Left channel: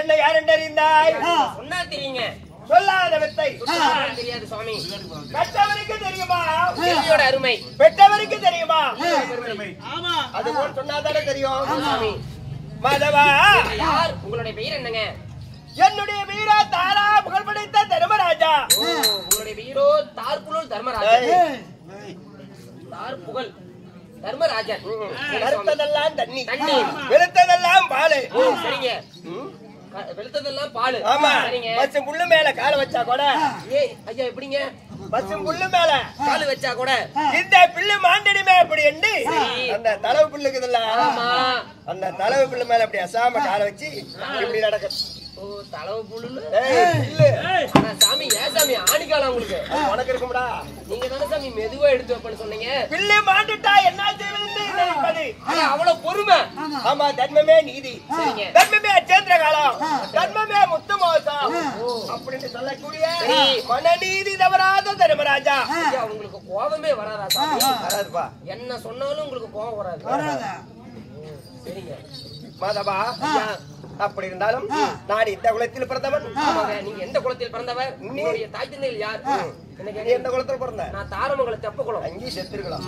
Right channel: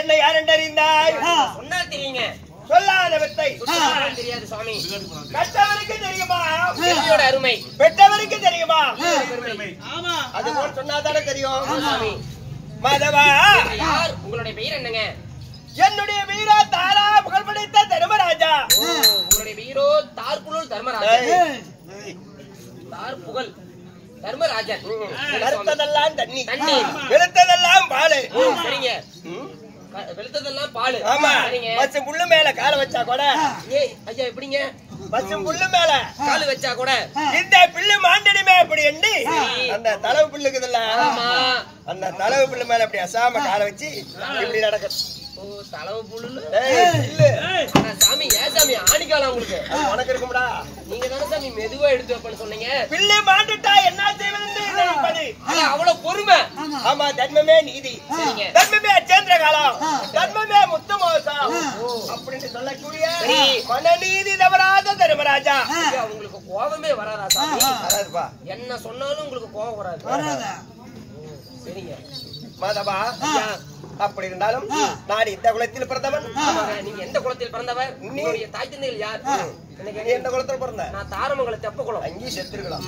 என்ன யாரெண்டறிந்தாய்? சொன்னா தெரியுங்க. சொல்லாத வித்தை தெரியாது சுவாமி. கற்றவருக்கு தெரியுமா பெரியோட அருமை? பெற்றவருக்கு தெரியுமா? ஆமா. அது போல் சொன்னாதானே தெரியும். சுவாமி மாதவா, யார் உங்களுடைய பெயர் என்னங்க? என்னுடைய வீரா தாரா புகழ் படைத்த தர்மராஜா. உங்களுடைய வீரோ தார்புகழ் தர்மராஜா. தார்புகழ் தர்மராஜன். கருத்ததெல்லாம் தண்ணி, தண்ணீர். வெளுத்ததெல்லாம் பாலு. சரிங்க. வெளுத்ததெல்லாம் பாலு. ஆமா. சரிங்க. பச்சை புல்லு மேல கால வச்சா கூட, ஏய் ஐயா எப்படிங்க? பச்சை புல்லு மேல காலு வச்சா கூட இந்த பில்லு மாண்டடிமே அப்படி எண்ணி அந்த தளவு பில்லுக்குதுல்ல, அந்த தளவு பில்லு மேல அப்படி அசாம கால வச்சு இப்படி நடக்கும். ஓ தளவு புல்லுன்னு. பில்லு சாமி ஏன் சாமி ஆணிக்காலம் உங்களுக்கு? உனக்கு இருக்கும்டா. நீங்க தானே சாமி மெதுவா எடுத்து வைப்பேன்னு சொன்னீங்க. பில்லு மாண்டுட்டா என்ன செய்வது நினைப்பது. அவ்வளவு பொறுமை. ஆமா, தர்மமே நீதி, தர்மமே அச்சேந்திர காலம், தர்மமே முத்து மோசம் அப்படின்னு சொல்லக்கூடிய மனநீதி தவறாத தர்மராஜா. உங்களுக்கு கோபமே வராதா சாமி? வராதுப்பா. என்ன சொன்னாலும் உங்களுக்கு கோபம் வராது. சரிங்க மாதவா, அப்படி இருந்தாலும் நான் இந்த குலத்தில் பிறந்தவன். நீங்க எந்த குலத்தில் பிறந்தவர்? உங்களுடைய தாய் தந்தைகள் யார்? நீ எந்த குலத்தில் பிறந்த? நான் தாரமங்கலம் தெப்ப குலம். அங்கேயும் செத்துருக்கலாம்.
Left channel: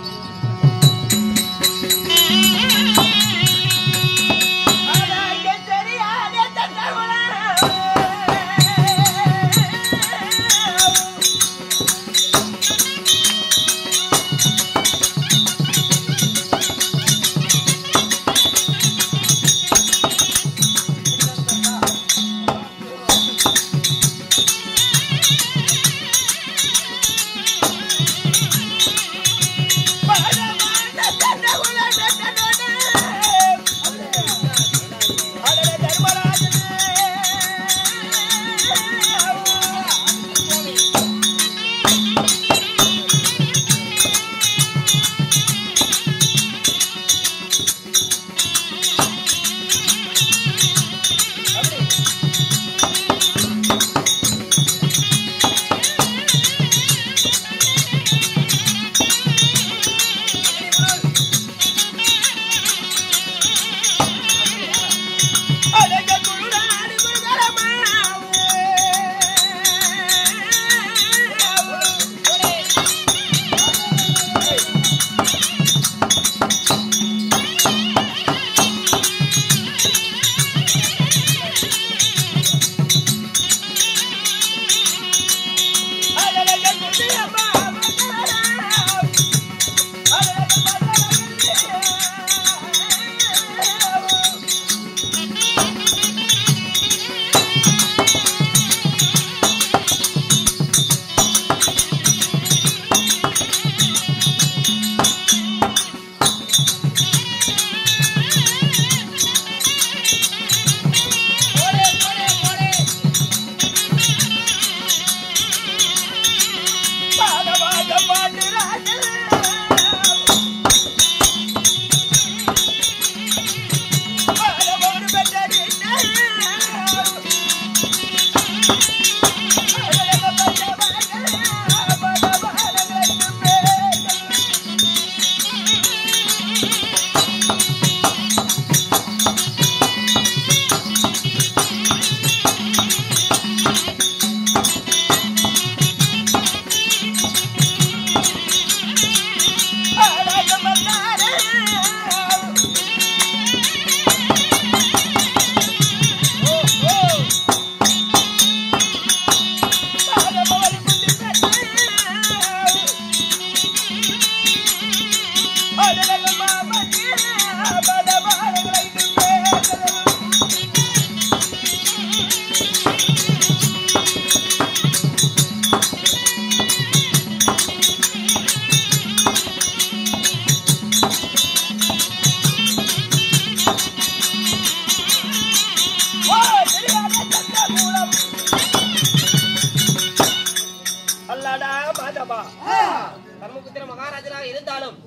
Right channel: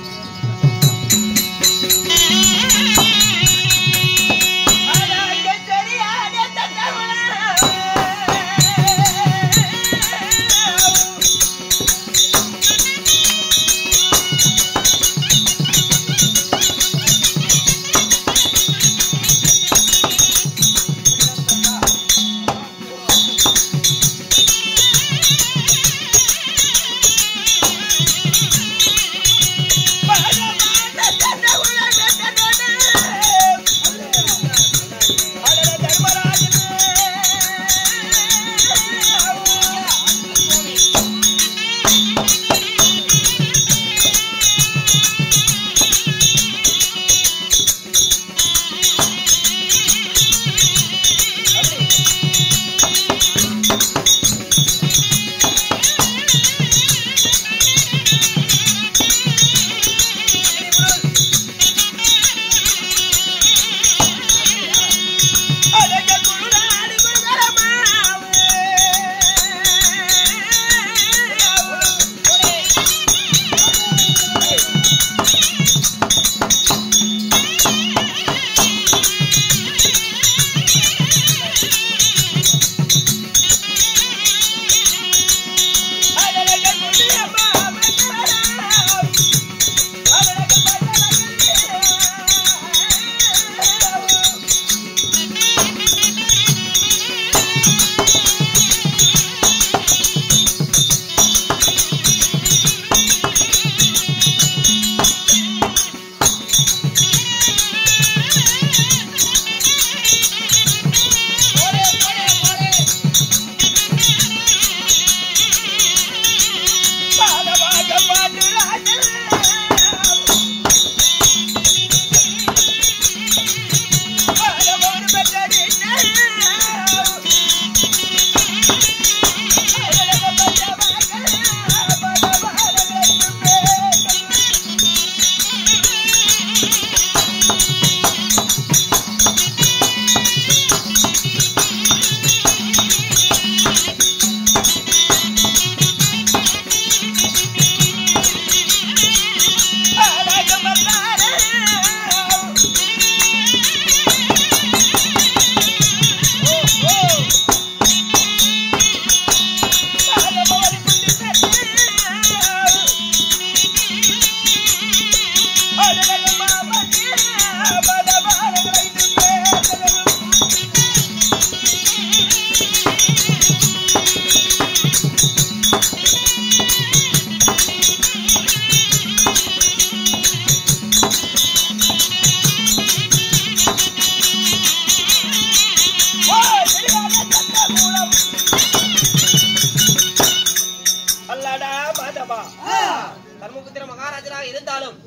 தர்மபுத்திர மகாராஜராக இருந்தாலும்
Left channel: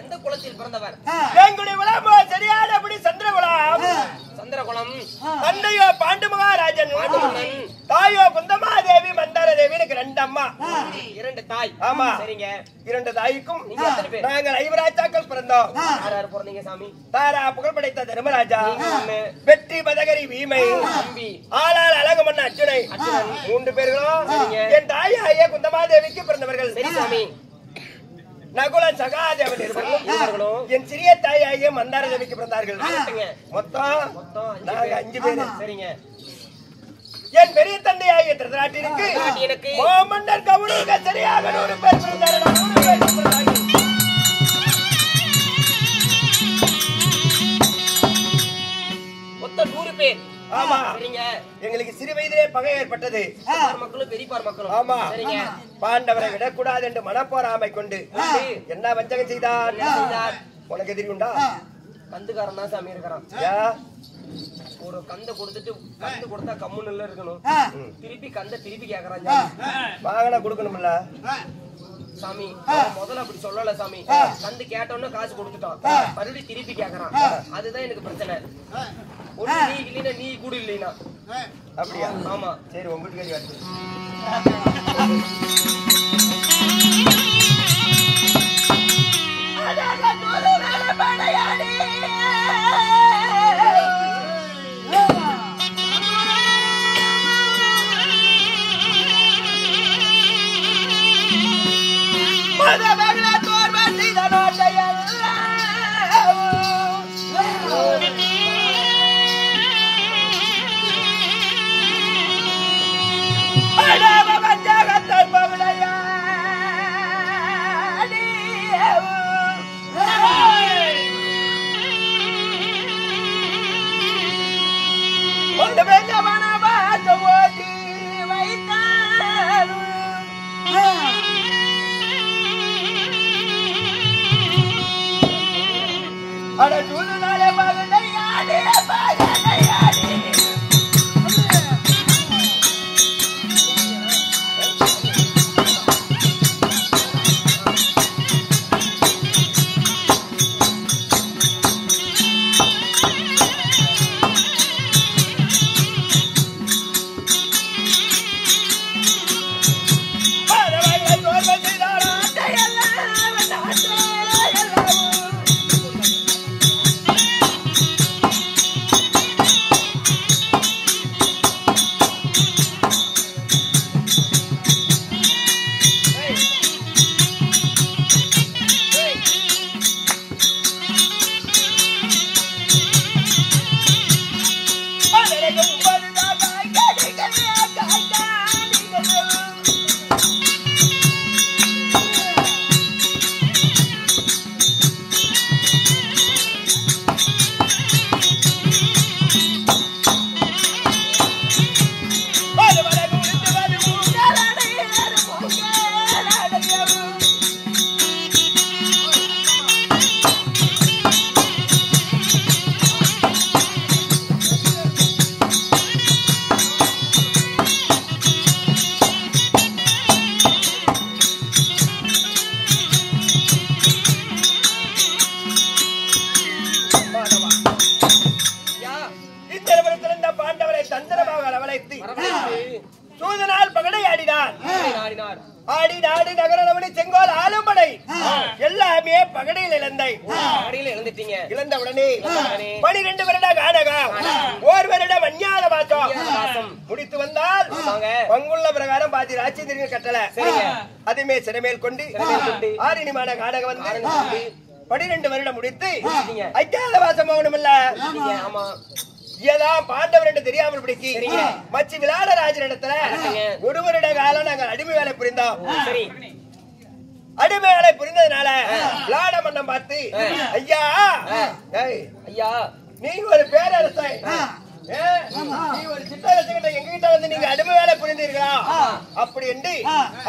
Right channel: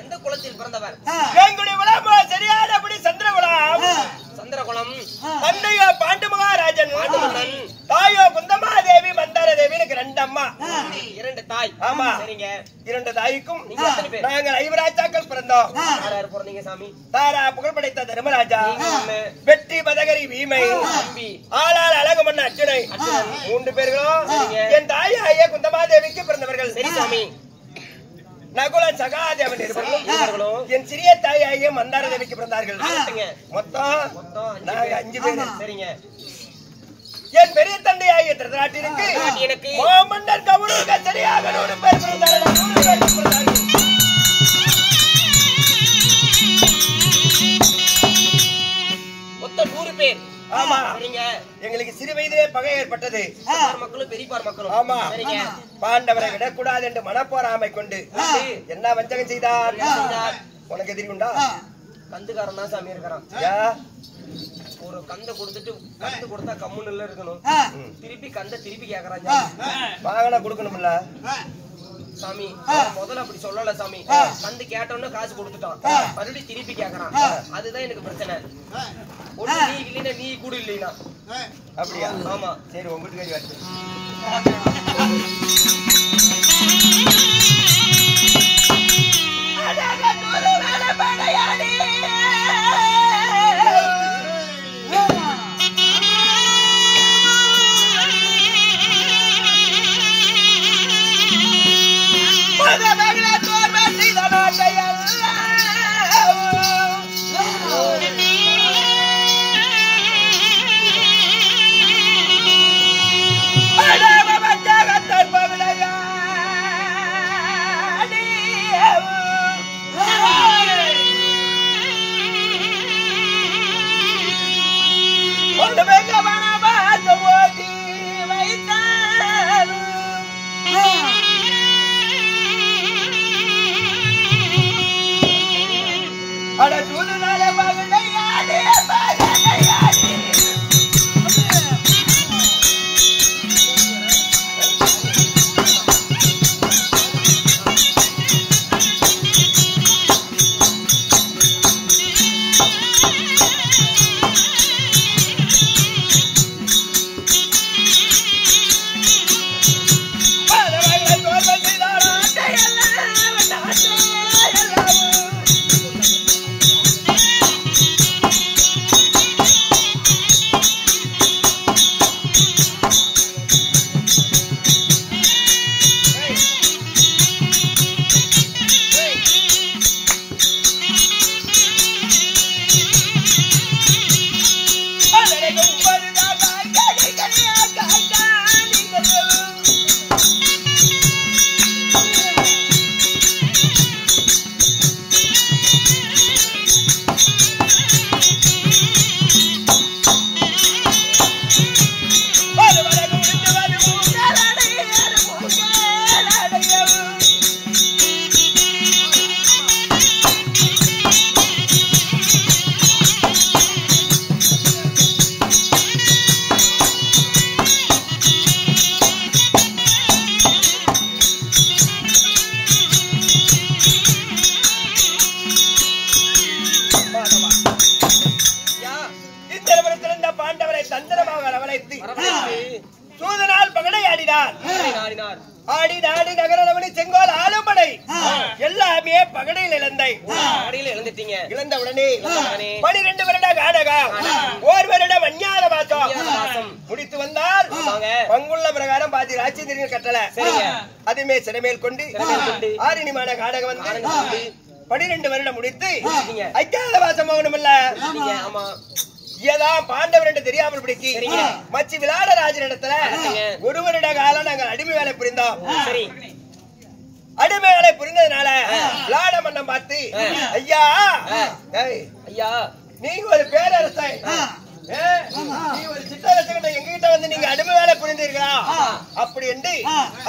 எந்த குலத்தில் பிறந்தவர்? சரியானபடி சந்திரகுலம். சந்திரகுலம். தந்தையோ பாண்டு மகாராஜன், தாயோ குந்தமாதேவி, மந்தாரதேவி. எனக்கு 2 அம்மா, 2 தாய். ஆமா, சரிங்க. 2 தாய்க்கும் நாங்கள் 5 ராஜாக்கள் பிறந்தோம். யார் பிறந்தீங்க சாமி? தாரா புகழ் படைத்த தர்மராஜா, வெற்றி பதகரி வீமை, ஆளால் அழகமன்ன அர்ஜுனை. 3 பேர்களும் என் தாயாகிய குந்தமாதேவிக்கு பிறந்தவர்கள். சரி சாமி. நகுல சகாதேவன் இருவர்களும் என் சிறிய தாயாகிய மந்தாரதேவிக்கு பிறந்தார்கள். மொத்தம் நாங்க 5 பேர். சரிங்க. என் பெரிய தந்தையாகிய திருதராட்டிற்கு மாமன்னர் கவுரவங்க சரியாக 100 பேர் பிறந்தார்கள். 100 பேர் பிறந்தார்கள். மொத்தம் 100 பேர். ஆமா. சரிங்க. எங்களுக்கு சிறு வயதிலே பகை ஏற்பட்டது. மக்களும் பெரியப்பார் மக்களும். ஆமா. சரிங்க. பாண்டவரை விடக்கூடாது என்று மனப்போராமை கொண்டு என்ன வஞ்சகம் செய்தார்? உனக்கு எதிரி உண்டா? கந்துக்காரன் தான் சாமி இருக்கிறான். ஒரு கந்த கொடுத்துட்டு கந்து கொடுத்தா கம்முன்னு இருக்கணும். திருப்பி கந்த திருப்பி கேக்குறான். வாங்கினா கொடுக்கணும்ல சாமி. முதல்ல அப்படி சொல்லல சாமி. கந்து கேட்டோன்னு காசு கொடுத்துட்டான், மறுபடியும் திருப்பி கேக்குறான். அதுதான் எனக்கு பிரச்சனை. ஒண்ணு நீ இல்லைன்னா நீ கூட இல்லைனா. அப்படியா? ஆமா. சரி, உங்க வீட்டுக்காரி வாச்சு. சூதனால் பகடை ஆடினார். ஆடி நாடு நகரவனி செங்கோல் ஆளும்படை எல்லாமே பகடையில் இழந்துட்டீங்க. இழந்த உடனே 12 வருட காடகம், 1 வருடம் அஞ்ஞான மாசம் முடித்து வந்தால் பங்குள்ள பிரகாரம் பாதி ராட்சேந்திரன் கட்டளை அதுமே சிறமேல் கொண்டு ஆரிணிமான காடகம் வந்து 12 வருடம் முடித்து அஞ்ஞான மாசம் போகணும் இல்ல. ஏதான் பாண்டவர் என்று தெரியாமல் பிடிக்கி மச்சி விளையாட ராஜன் இடத்துல 1 வருட காலம் நாங்கள் அடிமை வேலை புரிந்தோம். அடிமை வேலை புரிந்ததுனால விளையாட மன்னம் பார்த்து ஐயா ஐயா நீங்க ஒரு பேரரசன், நீ ஒரு சிற்றரசன் எங்ககிட்ட வந்து நீங்க அடிமை வேலை புரிந்தீர்களா அப்படி என்று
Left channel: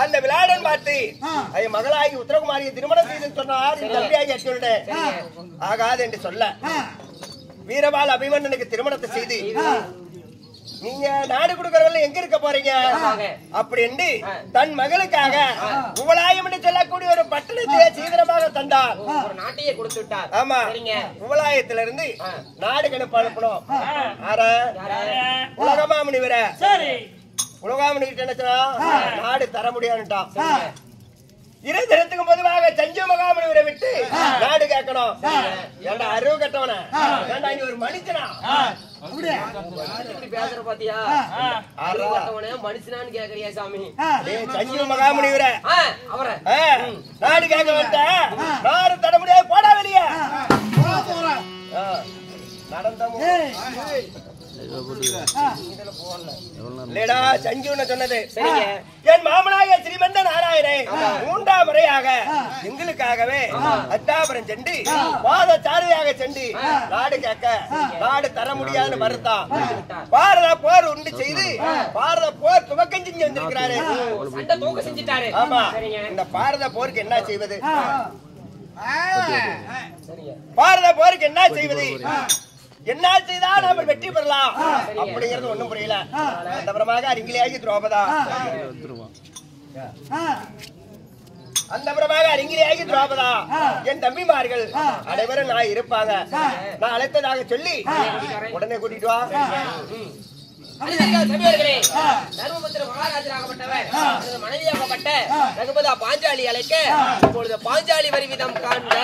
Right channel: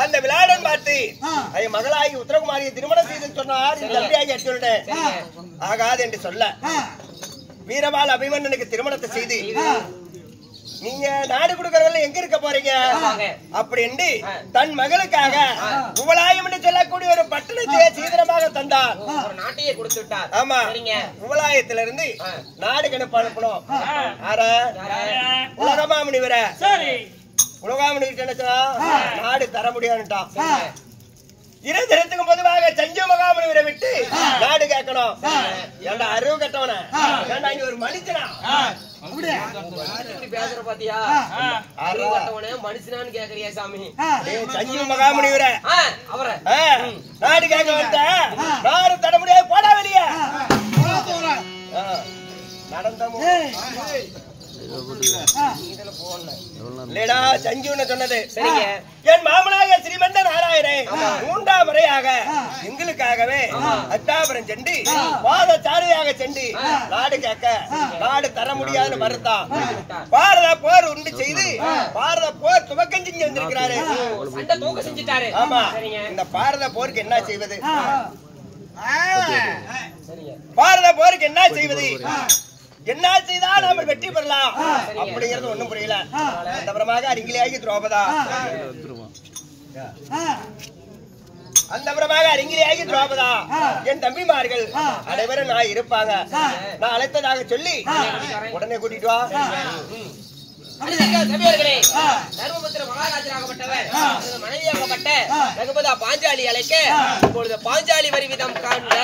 அந்த விளையாடன் பார்த்து மகளாகி உத்தரகுமாரியை திருமணம் செய்து சொன்னார். என் தம்பியாகி அச்சுடன் ஆகாது என்று சொல்ல வீரபால் அபிமன்னனுக்கு திருமணத்தை செய்து நீங்க நாடு கொடுக்கறவங்க எங்க இருக்க போறீங்க அப்படி என்று தன் மகளுக்காக உவலாயம் என்று சொல்லக்கூடிய ஒரு பட்டணத்தையே சீதனமாக தந்தார். ஒரு நாட்டையே கொடுத்து விட்டார். ஆமா, உவலாயத்திலிருந்து நாடு கணப்பு அனுப்பணும். உலகமாமணி வர உலகாமணி என்ன சொன்னா நாடு தர முடியாதுட்டான். 2 தினத்துக்கும் பொதுவாக சஞ்சு மகாமுனிவரை விட்டு நாடு கேட்கணும். ஏண்டா அறிவு கட்டவன, ஏண்டா இங்க ஒரு மனுஷனா பேசுற பாத்தியா? அறிவு கட்டவனே மனுஷனான்னு கேக்குறியா சாமி? சஞ்சு மகாமுனிவரை அவரை நாடு கேட்க வந்த நாடு தர முடியாது, போடா வெளியே நடந்த சொன்னது. என் மாமனாக ஸ்ரீமந்த நாராயணன் 3ஆம் முறையாக எங்களுக்காகவே அத்தாபுரம் சென்று பாதச்சாரியாக சென்று நாடு கேட்க நாடு தர முடியாதுன்னு மறுத்தான். பாரத போர் உண்டு செய்து பாரத போர் துவக்கம் செஞ்சு வந்திருக்கிறாரு. ஆமா, இந்த பாரத போருக்கு என்ன செய்வது? பாரத போருக்கு என்ன செய்வது? என்ன செய்தா நாம வெற்றி பெறலாம் அப்படிங்கிறது ஒண்ணும் புரியல. அந்தபுரமாக அருங்கிலேயாகி துரோபதா என் தம்பிமார்கள் அனைவரும் நான் இருப்பாங்க. நான் அழைத்ததாக சொல்லி உடனே கூட்டிட்டு வா. தர்மபுத்திர மகாராஜராகப்பட்டவர் மனைவியாகப்பட்ட ரகுபதா பாஞ்சாலி அழைக்க இப்பொழுது பாஞ்சாலி வரி விதம் காண்க.